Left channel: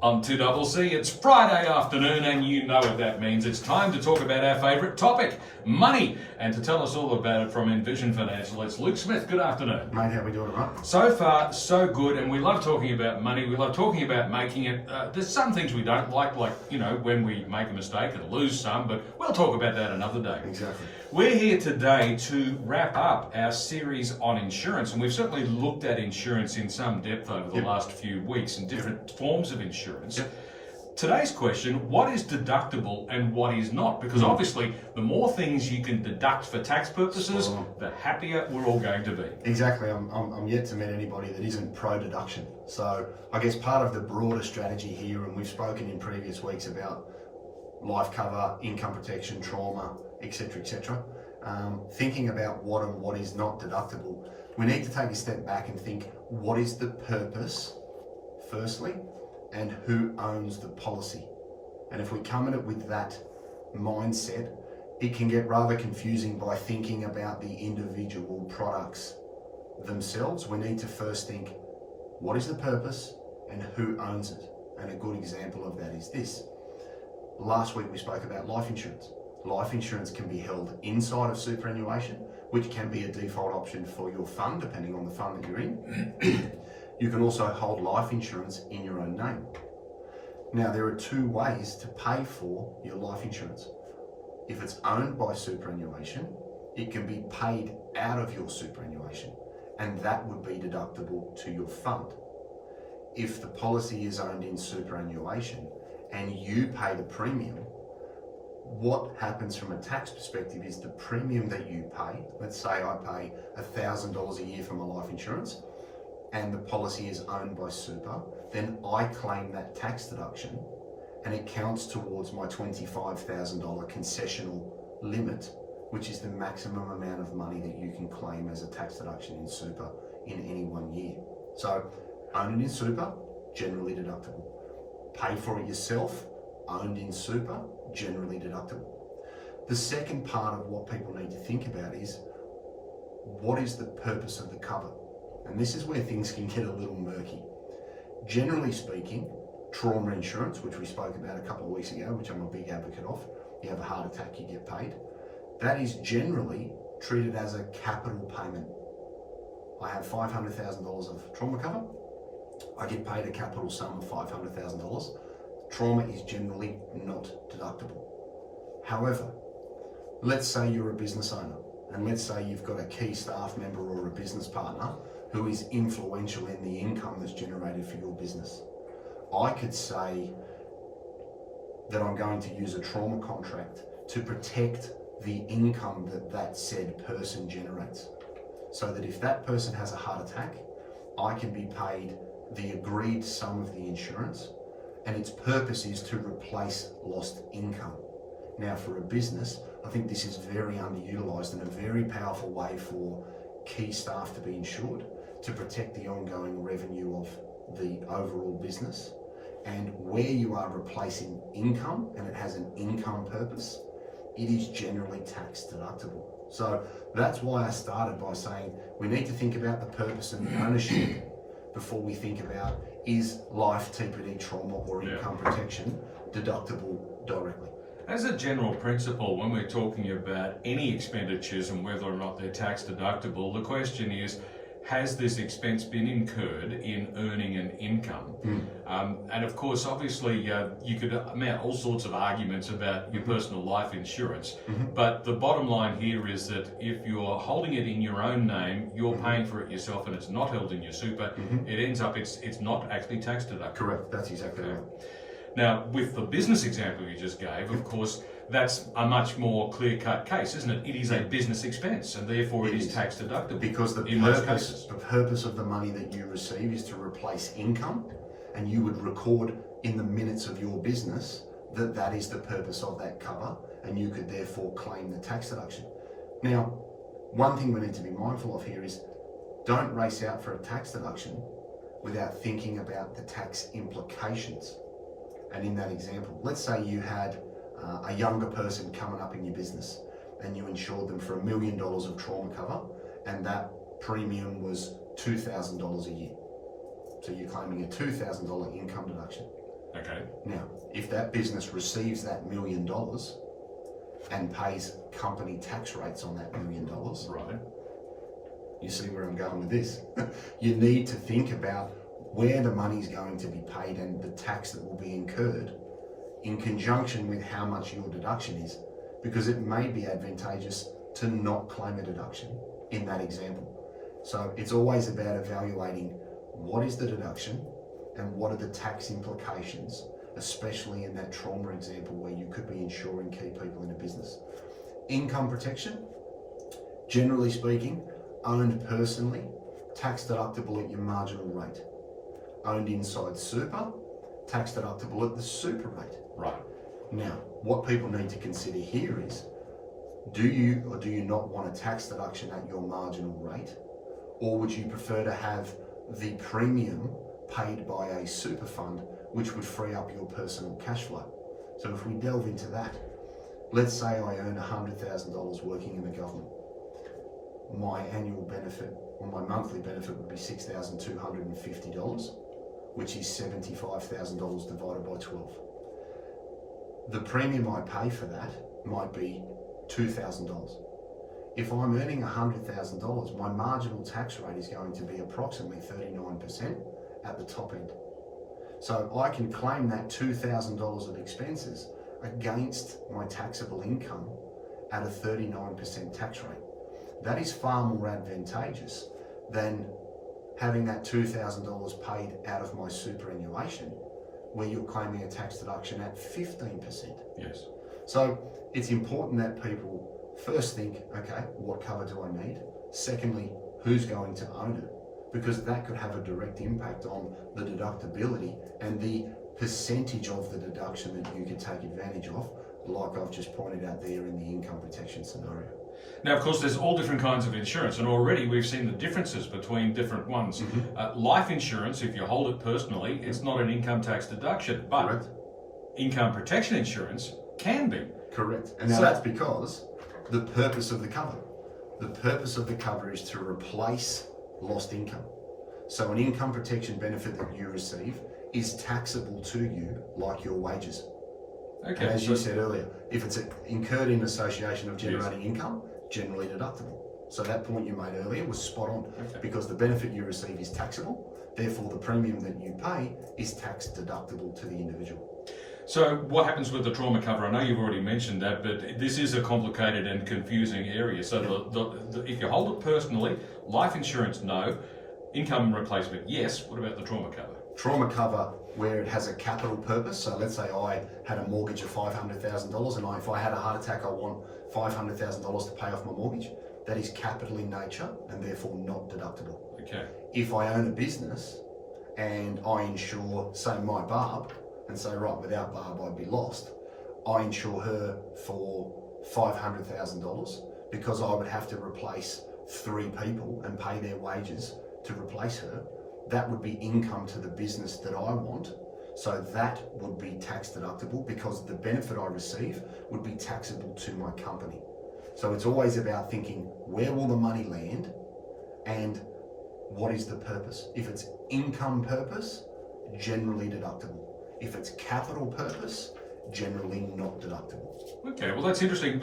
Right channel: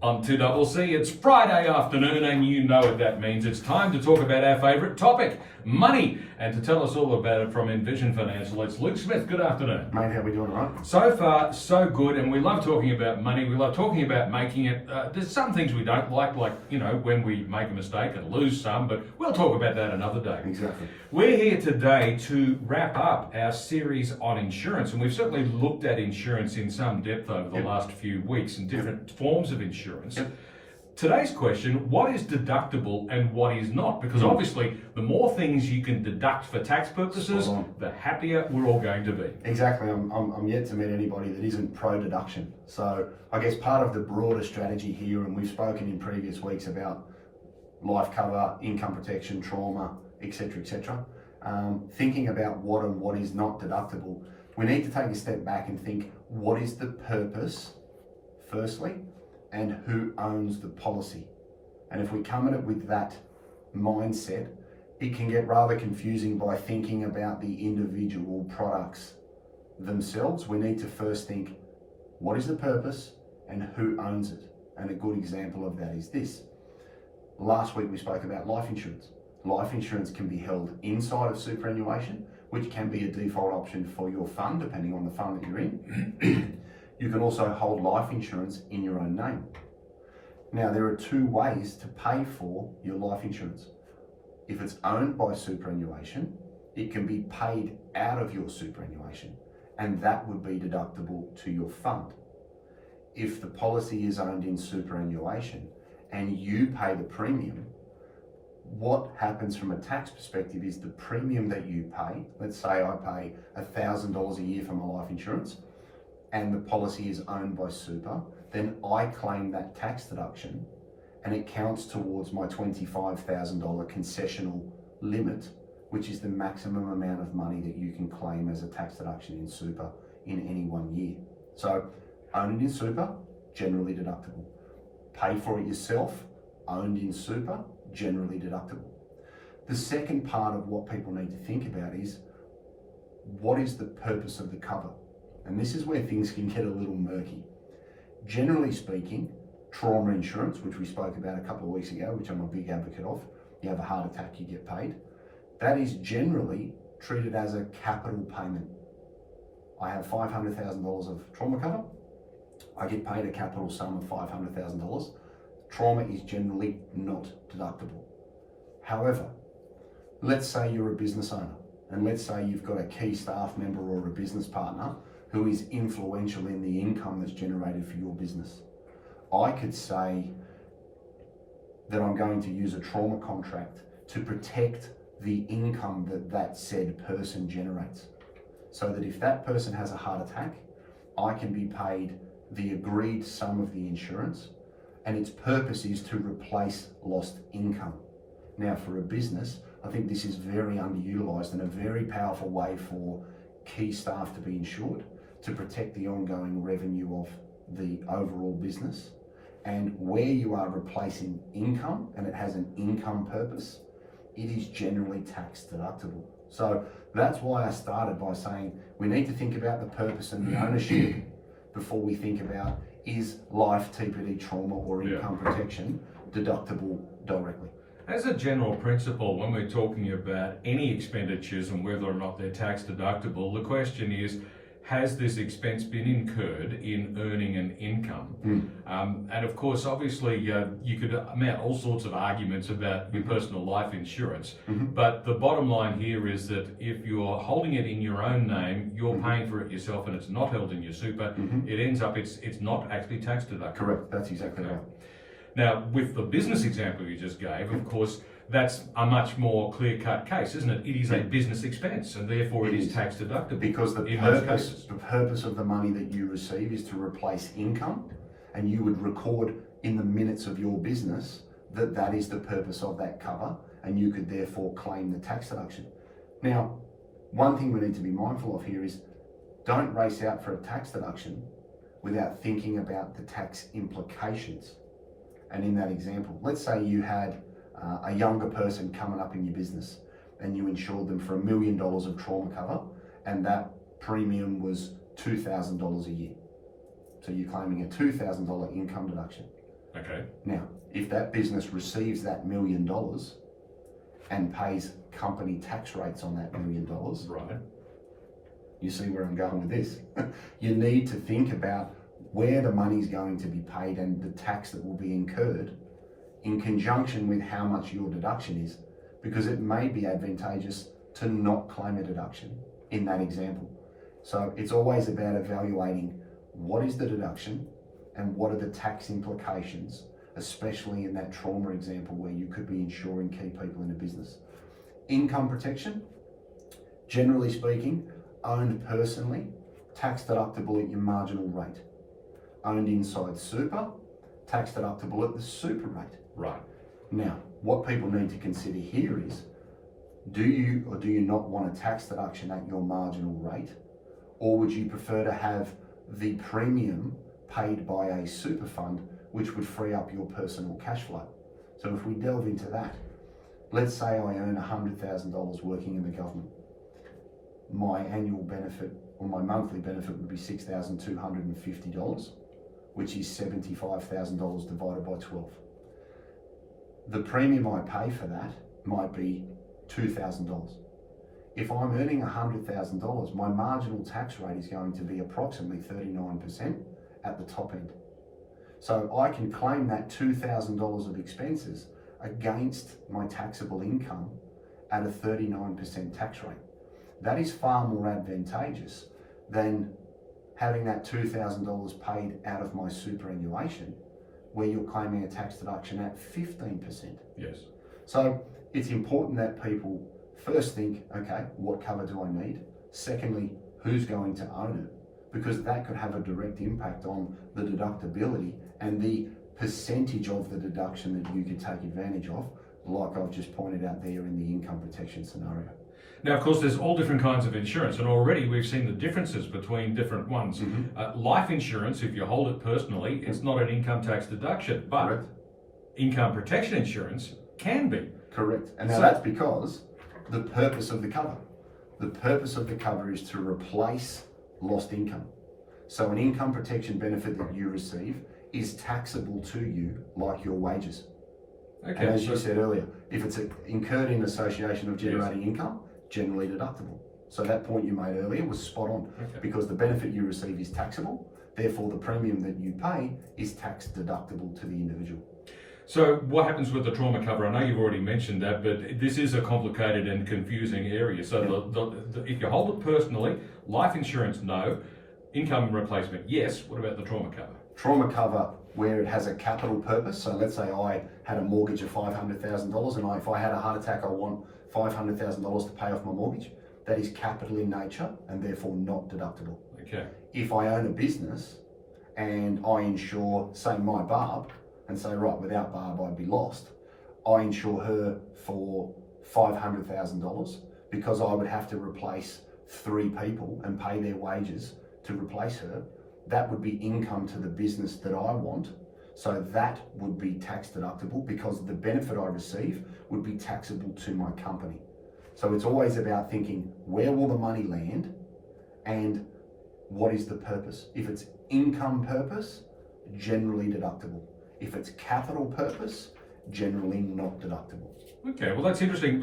On 2CC, it's Friday afternoon, and you know what that means. It's time to talk about our favourite topic, money. And to tell us all about it from Envision Financial, it's Luke Smith. Good afternoon. Mate, how we doing, right? So far, so good, and we love talking about money. We love talking about making it. There's some things we don't like, when we make a mistake and lose some, but we'll talk about that another day. Exactly. We're here today to wrap up our series on insurance, and we've certainly looked at insurance in some depth over the last few weeks and different forms of insurance. Today's question, what is deductible and what is not? Because obviously, the more things you can deduct for tax purposes, the happier we're all going to be. Exactly. I'm yet to meet anybody that isn't pro-deduction. So I guess part of the broader strategy here, and we've spoken in previous weeks about life cover, income protection, trauma, etc., thinking about what and what is not deductible, we need to take a step back and think, what is the purpose, firstly, and who owns the policy? And if we come at it with that mindset, it can get rather confusing by thinking about the individual products themselves. We need to first think, what is the purpose and who owns it? And a good example of that is this. Last week we spoke about life insurance. Life insurance can be held inside of superannuation, which can be a default option for your fund, depending on the fund that you're in. You can also hold life insurance in your own name. Now, there are two ways to pay for your life insurance. If it's owned by superannuation, it can be paid out of your superannuation, and that would be deductible to your fund. If the policy is owned in superannuation and you pay the premium, what happens from a tax perspective is the premium that you pay, let's say I pay $1,000 a year for my life insurance, and the policy is owned by super, then I claim that tax deduction and it counts towards my $25,000 concessional limit, which is the maximum amount of money that you can claim as a tax deduction in super in any 1 year. So owned in super, generally deductible. Pay for it yourself, owned in super, generally deductible. The second part of what people need to think about is, what is the purpose of the cover? And this is where things can get a little murky. Generally speaking, trauma insurance, which we spoke about a couple of weeks ago, which I'm a big advocate of, you have a heart attack, you get paid. That is generally treated as a capital payment. I have $500,000 of trauma cover. I get paid a capital sum of $500,000. Trauma is generally not deductible. However, let's say you're a business owner, and let's say you've got a key staff member or a business partner who is influential in the income that's generated for your business. I could say that I'm going to use a trauma contract to protect the income that that said person generates. So that if that person has a heart attack, I can be paid the agreed sum of the insurance, and its purpose is to replace lost income. Now, for a business, I think this is very underutilized and a very powerful way for key staff to be insured, to protect the ongoing revenue of the overall business. And where you are replacing income and it has an income purpose, it is generally tax deductible. So that's why I started by saying we need to think about the purpose and the ownership before we think about, is life, TPD, trauma or income protection deductible directly. As a general principle, when we're talking about any expenditures and whether or not they're tax deductible, the question is, has this expense been incurred in earning an income? And of course, obviously, you could mount all sorts of arguments about your personal life insurance, but the bottom line here is that if you're holding it in your own name, you're paying for it yourself and it's not held in your super, it ends up, it's not actually tax deductible. Correct, that's exactly right. Now, with the business example you just gave, of course, that's a much more clear-cut case, isn't it? It is a business expense, and therefore it is tax deductible. Because the purpose of the money that you receive is to replace income, and you would record in the minutes of your business that that is the purpose of that cover, and you could therefore claim the tax deduction. Now, one thing we need to be mindful of here is, don't race out for a tax deduction without thinking about the tax implications. And in that example, let's say you had a younger person coming up in your business and you insured them for $1 million of trauma cover, and that premium was $2,000 a year. So you're claiming a $2,000 income deduction. Okay. Now, if that business receives that $1 million and pays company tax rates on that $1 million, Right. you see where I'm going with this. You need to think about where the money's going to be paid and the tax that will be incurred in conjunction with how much your deduction is, because it may be advantageous to not claim a deduction in that example. So it's always about evaluating what is the deduction and what are the tax implications, especially in that trauma example where you could be insuring key people in a business. Income protection, generally speaking, owned personally, tax deductible at your marginal rate. Owned inside super, tax deductible at the super rate. Right. Now, what people need to consider here is, do you or do you not want a tax deduction at your marginal rate? Or would you prefer to have the premium paid by a super fund, which would free up your personal cash flow? So if we delve into that, let's say I earn $100,000 working in the government. My annual benefit or my monthly benefit would be $6,250, which is $75,000 divided by 12. The premium I pay for that might be $2,000. If I'm earning $100,000, my marginal tax rate is going to be approximately 39% at the top end. So I can claim that $2,000 of expenses against my taxable income at a 39% tax rate. That is far more advantageous than having that $2,000 paid out of my superannuation, where you're claiming a tax deduction at 15%. Yes. So it's important that people first think, okay, what cover do I need? Secondly, who's going to own it? Because that could have a direct impact on the deductibility and the percentage of the deduction that you could take advantage of, like I've just pointed out there in the income protection scenario. Now, of course, there's all different kinds of insurance, and already we've seen the differences between different ones. Life insurance, if you hold it personally, it's not an income tax deduction, but Correct. Income protection insurance can be. Correct. And now that's because the purpose of the cover. The purpose of the cover is to replace lost income. So an income protection benefit that you receive is taxable to you like your wages. Okay. And as you said earlier, if it's incurred in association of generating income, generally deductible. So that point you made earlier was spot on, because the benefit you receive is taxable, therefore the premium that you pay is tax deductible to the individual. So what happens with the trauma cover? I know you've already mentioned that, but this is a complicated and confusing area. So if you hold it personally, life insurance, no. Income replacement, yes. What about the trauma cover? Trauma cover, where it has a capital purpose. So let's say I had a mortgage of $500,000 and if I had a heart attack, I want $500,000 to pay off my mortgage. That is capital in nature and therefore not deductible. Okay. If I own a business and I insure, say, my Barb, and say, right, without Barb I'd be lost, I insure her for $500,000 because I would have to replace 3 people and pay their wages to replace her. That would be income to the business that I want. So that would be tax deductible because the benefit I receive would be taxable to my company. So it's always about thinking, where will the money land and what is the purpose? If it's income purpose, generally deductible. If it's capital purpose, generally not deductible. Okay, well that's interesting.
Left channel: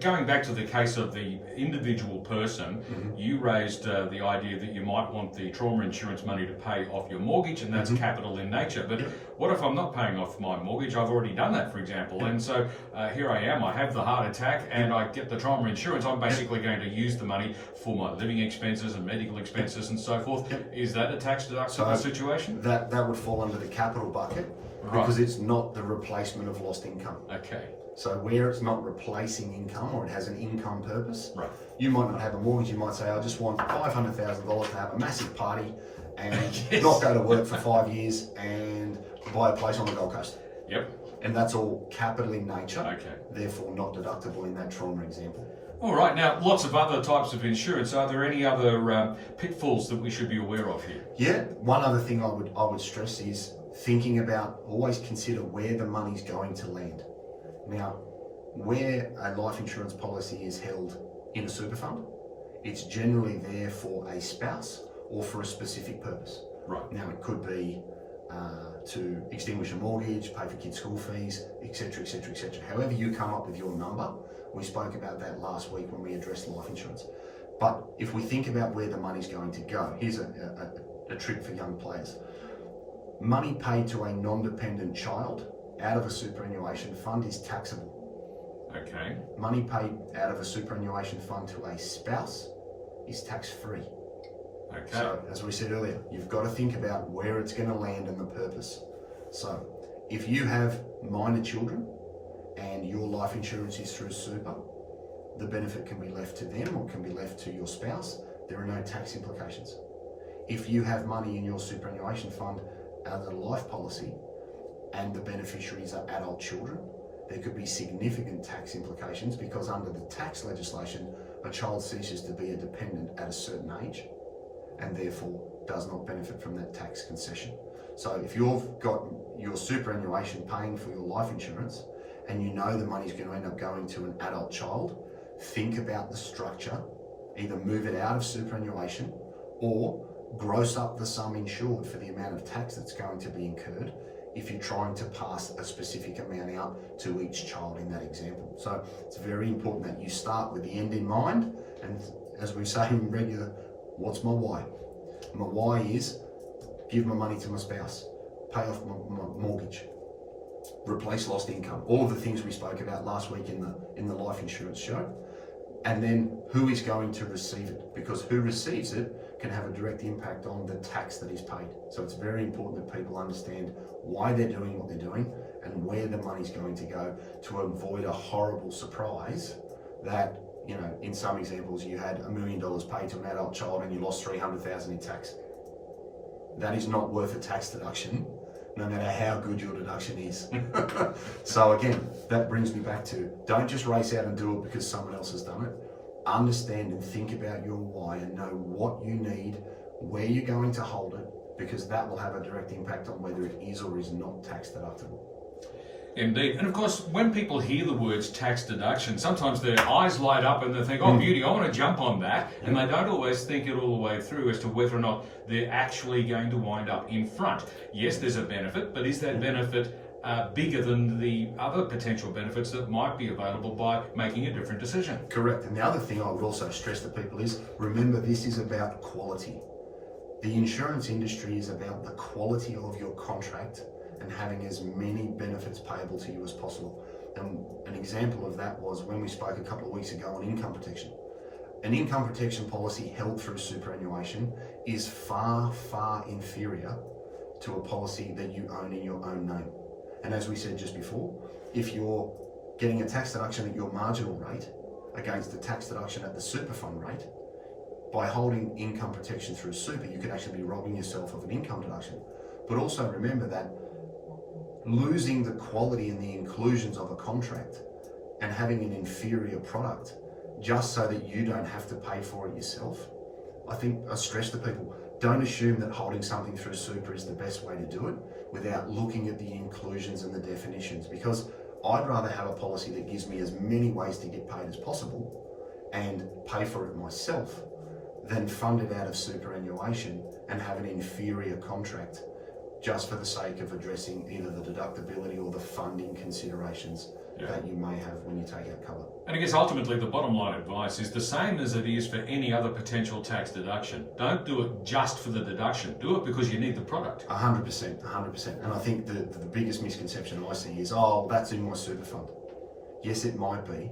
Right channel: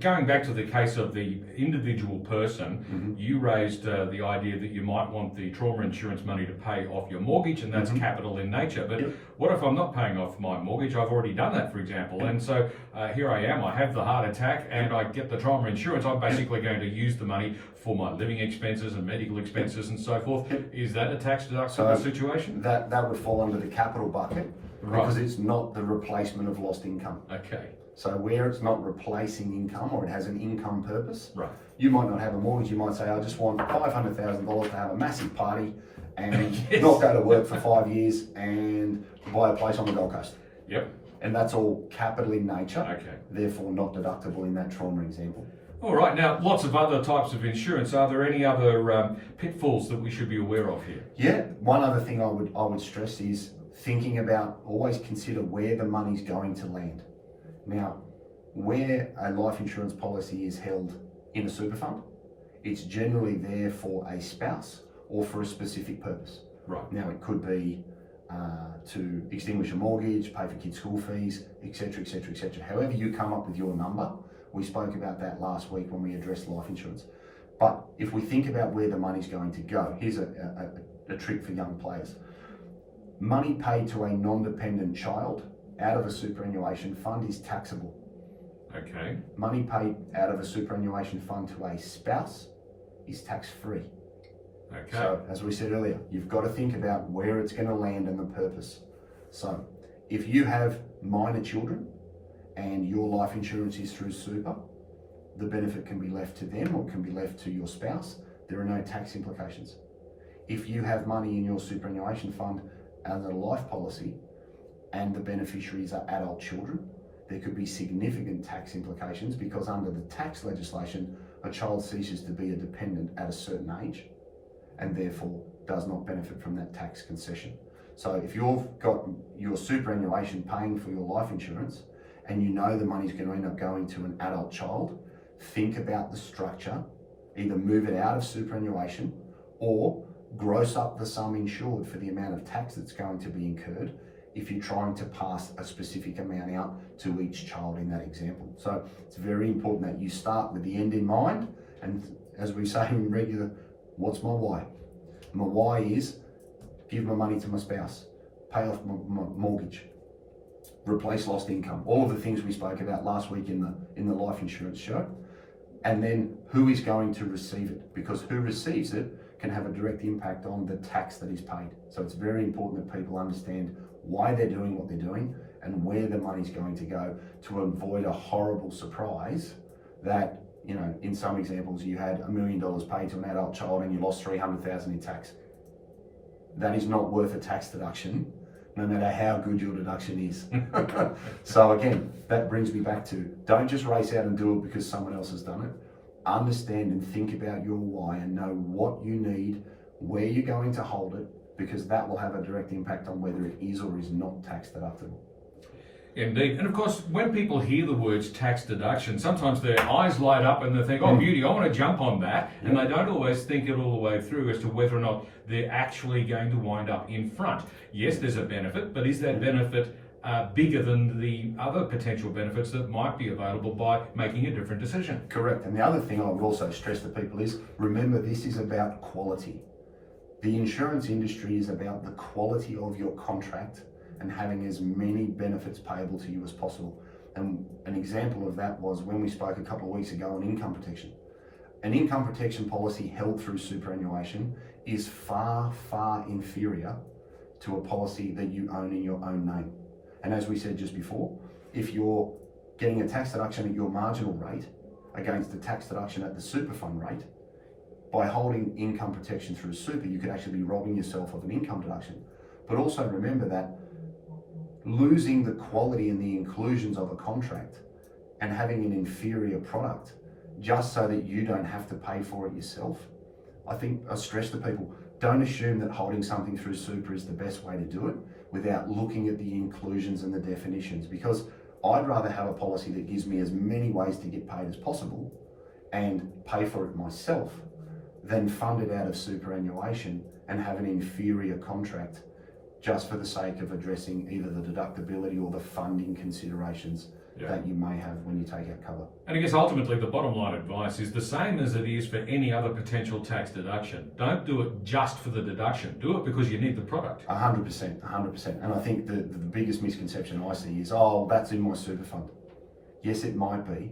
Going back to the case of the individual person, you raised the idea that you might want the trauma insurance money to pay off your mortgage, and that's capital in nature. But what if I'm not paying off my mortgage? I've already done that, for example. And so here I am, I have the heart attack and I get the trauma insurance. I'm basically going to use the money for my living expenses and medical expenses and so forth. Is that a tax deductible situation? That would fall under the capital bucket because it's not the replacement of lost income. Okay. So where it's not replacing income or it has an income purpose, right? You might not have a mortgage. You might say, I just want $500,000 to have a massive party and not go to work for 5 years and buy a place on the Gold Coast. Yep. And that's all capital in nature. Okay. Therefore not deductible in that trauma example. All right. Now, lots of other types of insurance. Are there any other pitfalls that we should be aware of here? Yeah. One other thing I would stress is thinking about, always consider where the money's going to land. Now, where a life insurance policy is held in a super fund, it's generally there for a spouse or for a specific purpose. Right. Now, it could be to extinguish a mortgage, pay for kids' school fees, etc., etc., etc. However you come up with your number, we spoke about that last week when we addressed life insurance. But if we think about where the money's going to go, here's a trick for young players. Money paid to a non-dependent child out of a superannuation fund is taxable. Okay. Money paid out of a superannuation fund to a spouse is tax-free. Okay. So, as we said earlier, you've got to think about where it's going to land and the purpose. So, if you have minor children and your life insurance is through super, the benefit can be left to them or can be left to your spouse. There are no tax implications. If you have money in your superannuation fund as a life policy and the beneficiaries are adult children, there could be significant tax implications because under the tax legislation, a child ceases to be a dependent at a certain age and therefore does not benefit from that tax concession. So if you've got your superannuation paying for your life insurance and you know the money's going to end up going to an adult child, think about the structure, either move it out of superannuation or gross up the sum insured for the amount of tax that's going to be incurred if you're trying to pass a specific amount out to each child in that example. So it's very important that you start with the end in mind, and as we say in regular, what's my why? My why is give my money to my spouse, pay off my mortgage, replace lost income, all of the things we spoke about last week in the life insurance show. And then who is going to receive it? Because who receives it can have a direct impact on the tax that is paid. So it's very important that people understand why they're doing what they're doing and where the money's going to go to avoid a horrible surprise that, you know, in some examples you had $1 million paid to an adult child and you lost $300,000 in tax. That is not worth a tax deduction, no matter how good your deduction is. So again, that brings me back to, don't just race out and do it because someone else has done it. Understand and think about your why and know what you need, where you're going to hold it, because that will have a direct impact on whether it is or is not tax deductible. Indeed. And of course, when people hear the words tax deduction, sometimes their eyes light up and they think, oh, beauty, I want to jump on that. And they don't always think it all the way through as to whether or not they're actually going to wind up in front. Yes, there's a benefit, but is that benefit bigger than the other potential benefits that might be available by making a different decision? Correct. And the other thing I would also stress to people is, remember, this is about quality. The insurance industry is about the quality of your contract and having as many benefits payable to you as possible. And an example of that was when we spoke a couple of weeks ago on income protection. An income protection policy held through superannuation is far, far inferior to a policy that you own in your own name. And as we said just before, if you're getting a tax deduction at your marginal rate against the tax deduction at the super fund rate, by holding income protection through super, you could actually be robbing yourself of an income deduction. But also remember that losing the quality and the inclusions of a contract and having an inferior product just so that you don't have to pay for it yourself, I think I stress to people, don't assume that holding something through super is the best way to do it without looking at the inclusions and the definitions, because I'd rather have a policy that gives me as many ways to get paid as possible and pay for it myself than fund it out of superannuation and have an inferior contract just for the sake of addressing either the deductibility or the funding considerations that you may have when you take out cover. And I guess ultimately the bottom line advice is the same as it is for any other potential tax deduction. Don't do it just for the deduction. Do it because you need the product. 100%. And I think the biggest misconception I see is, oh, that's in my super fund. Yes, it might be,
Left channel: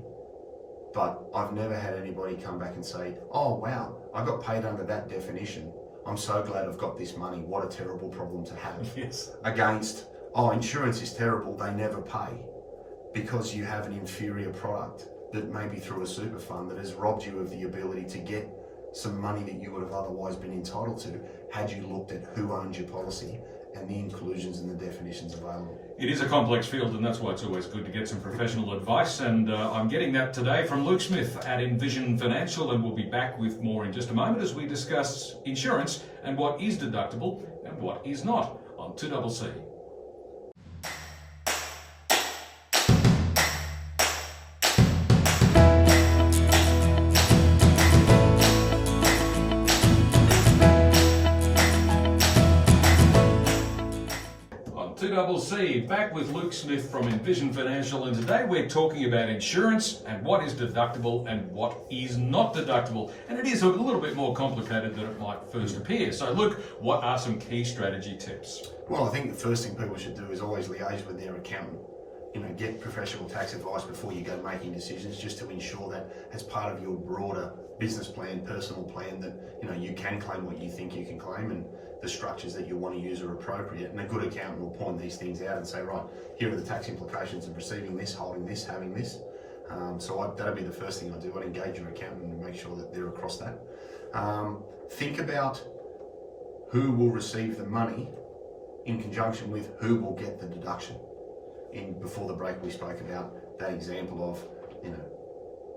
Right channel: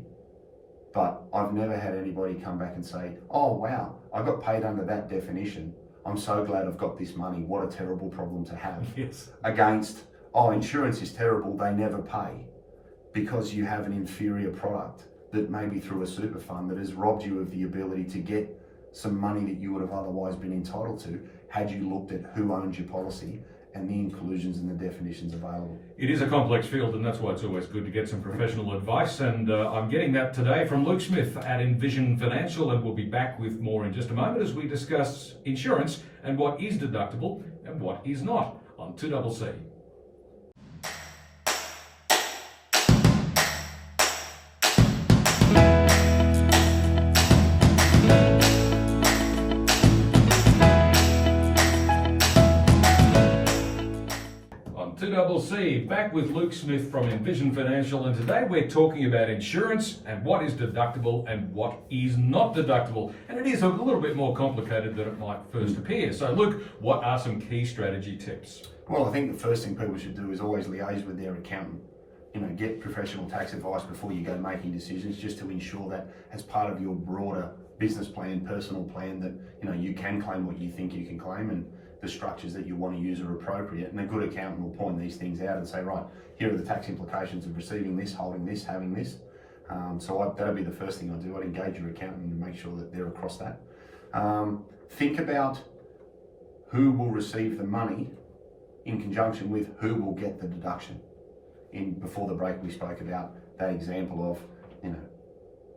but I've never had anybody come back and say, oh, wow, I got paid under that definition. I'm so glad I've got this money. What a terrible problem to have. Yes. Against, oh, insurance is terrible, they never pay, because you have an inferior product that may be through a super fund that has robbed you of the ability to get some money that you would have otherwise been entitled to had you looked at who owns your policy and the inclusions and the definitions available. It is a complex field, and that's why it's always good to get some professional advice, and I'm getting that today from Luke Smith at Envision Financial, and we'll be back with more in just a moment as we discuss insurance and what is deductible and what is not on 2CC. 2CC, back with Luke Smith from Envision Financial, and today we're talking about insurance and what is deductible and what is not deductible. And it is a little bit more complicated than it might first appear. So Luke, what are some key strategy tips? Well, I think the first thing people should do is always liaise with their accountant. Get professional tax advice before you go making decisions, just to ensure that as part of your broader business plan, personal plan, that you can claim what you think you can claim and the structures that you want to use are appropriate. And a good accountant will point these things out and say, right, here are the tax implications of receiving this, holding this, having this. That'll be the first thing I do. I'd engage your accountant and make sure that they're across that. Think about who will receive the money in conjunction with who will get the deduction. Before the break, we spoke about that example of,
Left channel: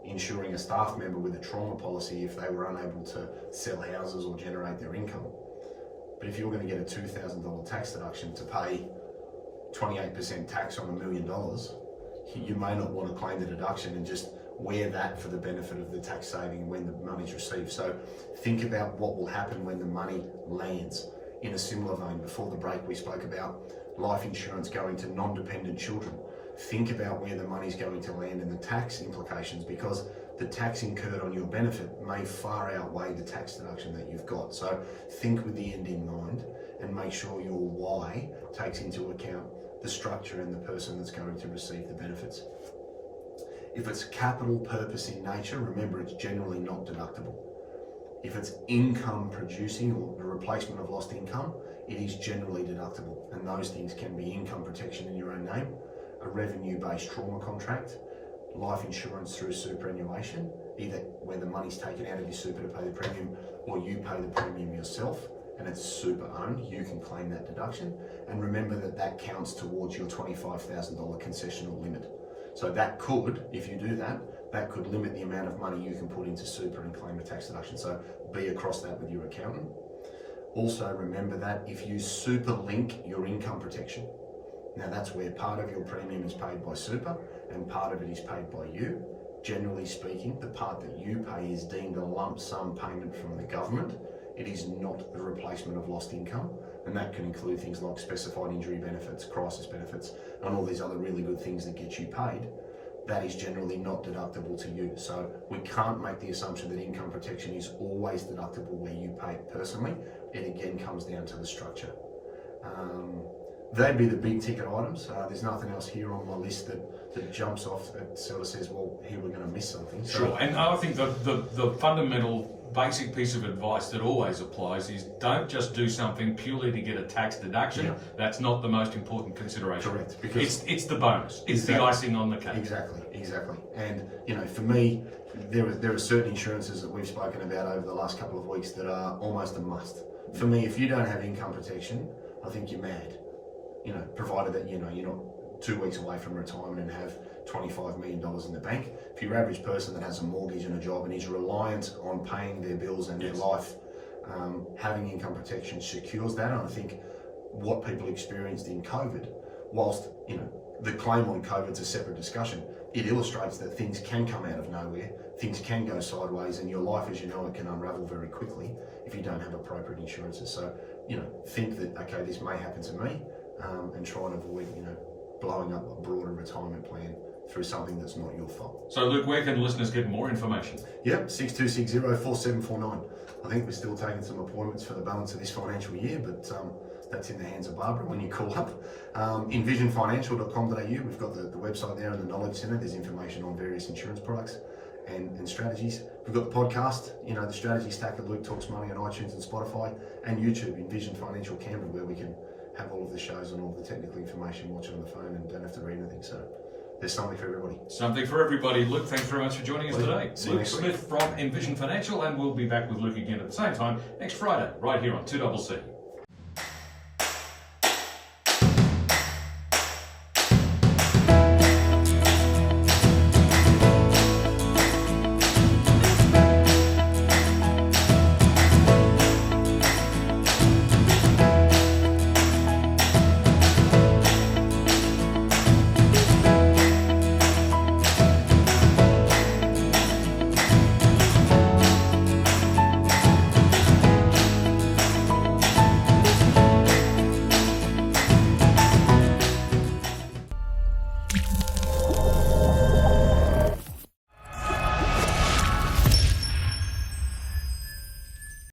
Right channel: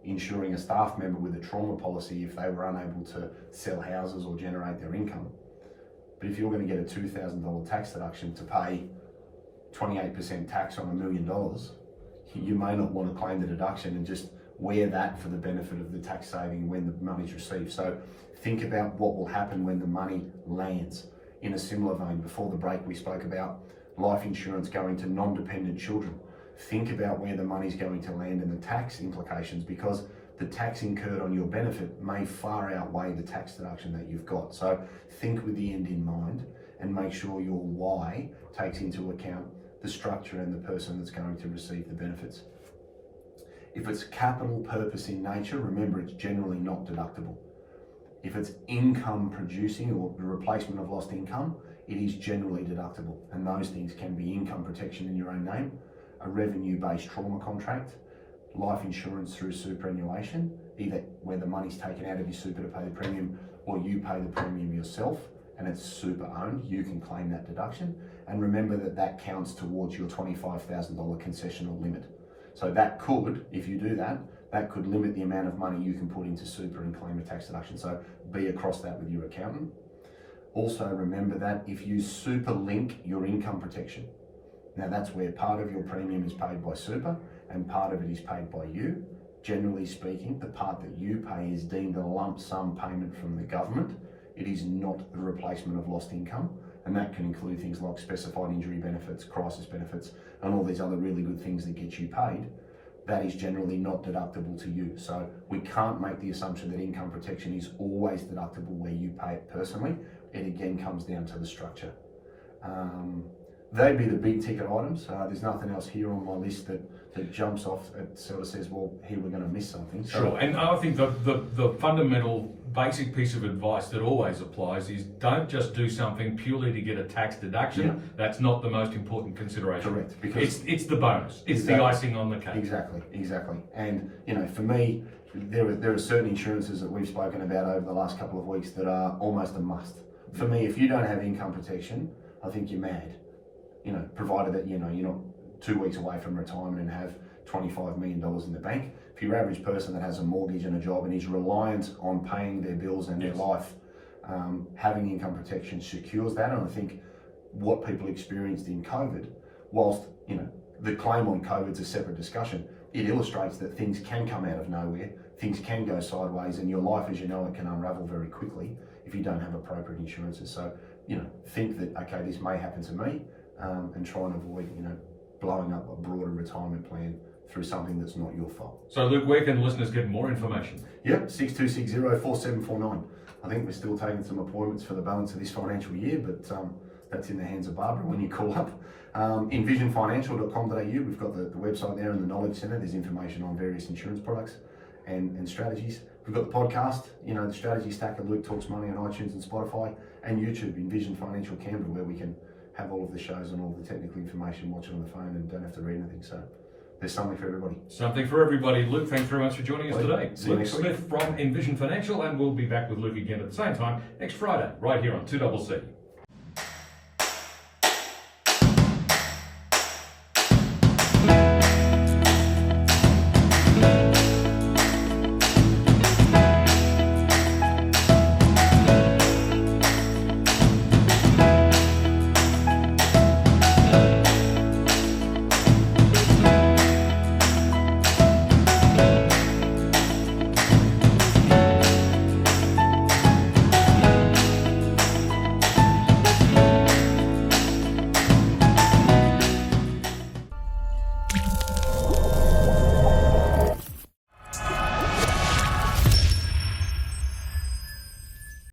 insuring a staff member with a trauma policy if they were unable to sell houses or generate their income. But if you're going to get a $2,000 tax deduction to pay 28% tax on $1 million, you may not want to claim the deduction and just wear that for the benefit of the tax saving when the money's received. So think about what will happen when the money lands. In a similar vein, before the break, we spoke about life insurance going to non-dependent children. Think about where the money's going to land and the tax implications, because the tax incurred on your benefit may far outweigh the tax deduction that you've got. So think with the end in mind and make sure your why takes into account the structure and the person that's going to receive the benefits. If it's capital purpose in nature, remember it's generally not deductible. If it's income producing or the replacement of lost income, it is generally deductible, and those things can be income protection in your own name, a revenue-based trauma contract, life insurance through superannuation, either where the money's taken out of your super to pay the premium or you pay the premium yourself and it's super owned, you can claim that deduction. And remember that counts towards your $25,000 concessional limit. So that could, if you do that could limit the amount of money you can put into super and claim a tax deduction. So be across that with your accountant. Also remember that if you super link your income protection, now that's where part of your premium is paid by super and part of it is paid by you. Generally speaking, the part that you pay is deemed a lump sum payment from the government. It is not the replacement of lost income, and that can include things like specified injury benefits, crisis benefits, and all these other really good things that get you paid. That is generally not deductible to you. So we can't make the assumption that income protection is always deductible where you pay it personally. It again comes down to the structure. They'd be the big ticket items. There's nothing else here on my list that jumps off. It sort of says, well, here we're going to miss something. Sure, and I think the fundamental basic piece of advice that always applies is don't just do something purely to get a tax deduction. Yeah. That's not the most important consideration. Correct, because it's the bonus. It's the icing on the cake. Exactly. And for me, there are certain insurances that we've spoken about over the last couple of weeks that are almost a must. For me, if you don't have income protection, I think you're mad. Provided that you're not 2 weeks away from retirement and have $25 million in the bank. For your average person that has a mortgage and a job and is reliant on paying their bills and their life, having income protection secures that. And I think what people experienced in COVID, whilst the claim on COVID's a separate discussion, it illustrates that things can come out of nowhere, things can go sideways, and your life as you know it can unravel very quickly if you don't have appropriate insurances. So think that, okay, this may happen to me, and try and avoid blowing up a broader retirement plan through something that's not your fault. So Luke, where can listeners get more information? Yep, 6260-4749. I think we're still taking some appointments for the balance of this financial year, but that's in the hands of Barbara when you call up. Envisionfinancial.com.au, we've got the website there and the Knowledge Centre. There's information on various insurance products and strategies. We've got the podcast, the strategy stack of Luke Talks Money on iTunes and Spotify, and YouTube, Envision Financial Canberra, where we can have all of the shows and all the technical information, watch it on the phone and don't have to read anything. So there's something for everybody. Something for everybody. Luke, thanks very much for joining us today. See you next week. Luke Smith from Envision Financial, and we'll be back with Luke again at the same time next Friday, right here on 2CC.